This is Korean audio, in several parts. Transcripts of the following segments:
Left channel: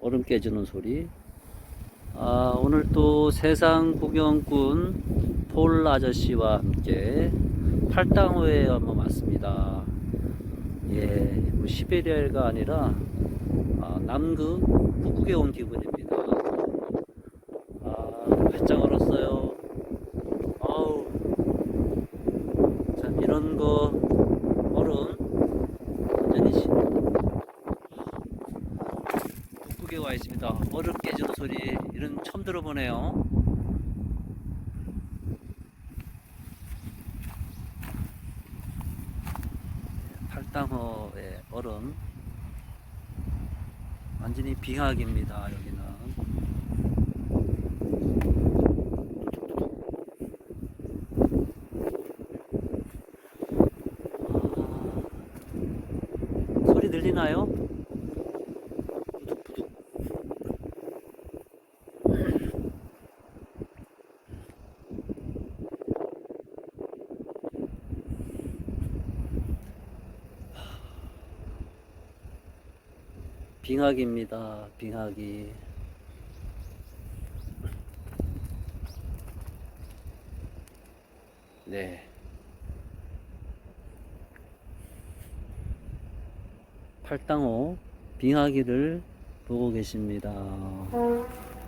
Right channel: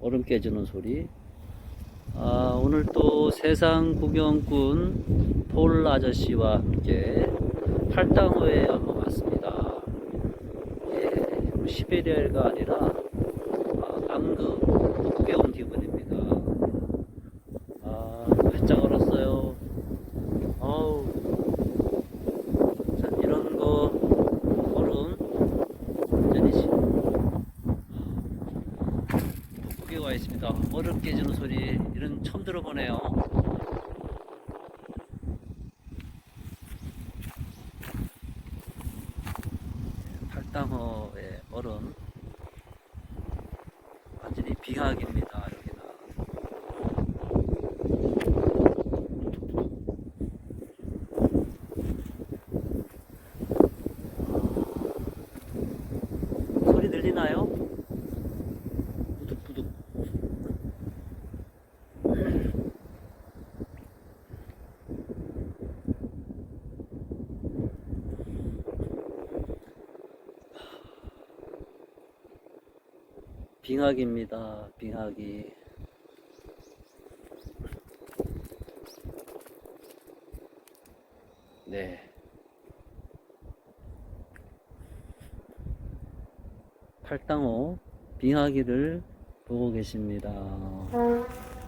어, 얼음 깨지는 소리. 아, 오늘 또 세상 구경꾼 폴 아저씨와 함께 팔당호에 한번 왔습니다. 예, 뭐 시베리아가 아니라 아, 남극 북극에 온 기분입니다. 아, 배짱 얼었어요. 아우, 참 이런 거 얼음 완전히 시- 북극에 와 있습니다. 얼음 깨지는 소리 이런 처음 들어보네요. 팔당어의 얼음 완전히 빙하기입니다. 아, 들리나요? 빙하기입니다. 빙하기. 네. 팔당호 빙하기를 보고 계십니다. 네.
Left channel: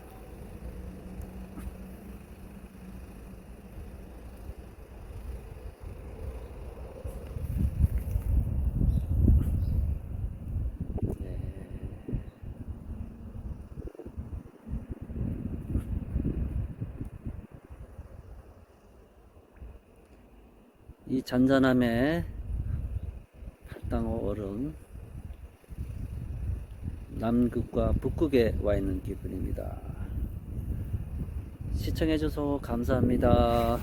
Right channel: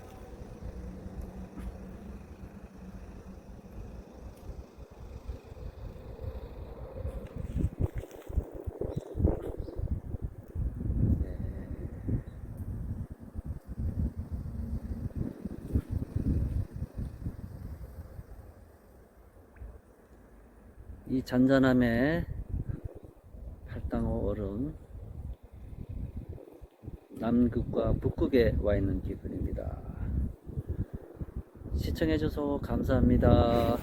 이 잔잔함에 팔당호 얼음 남극과 북극에 와 있는 기분입니다. 시청해줘서 감사합니다.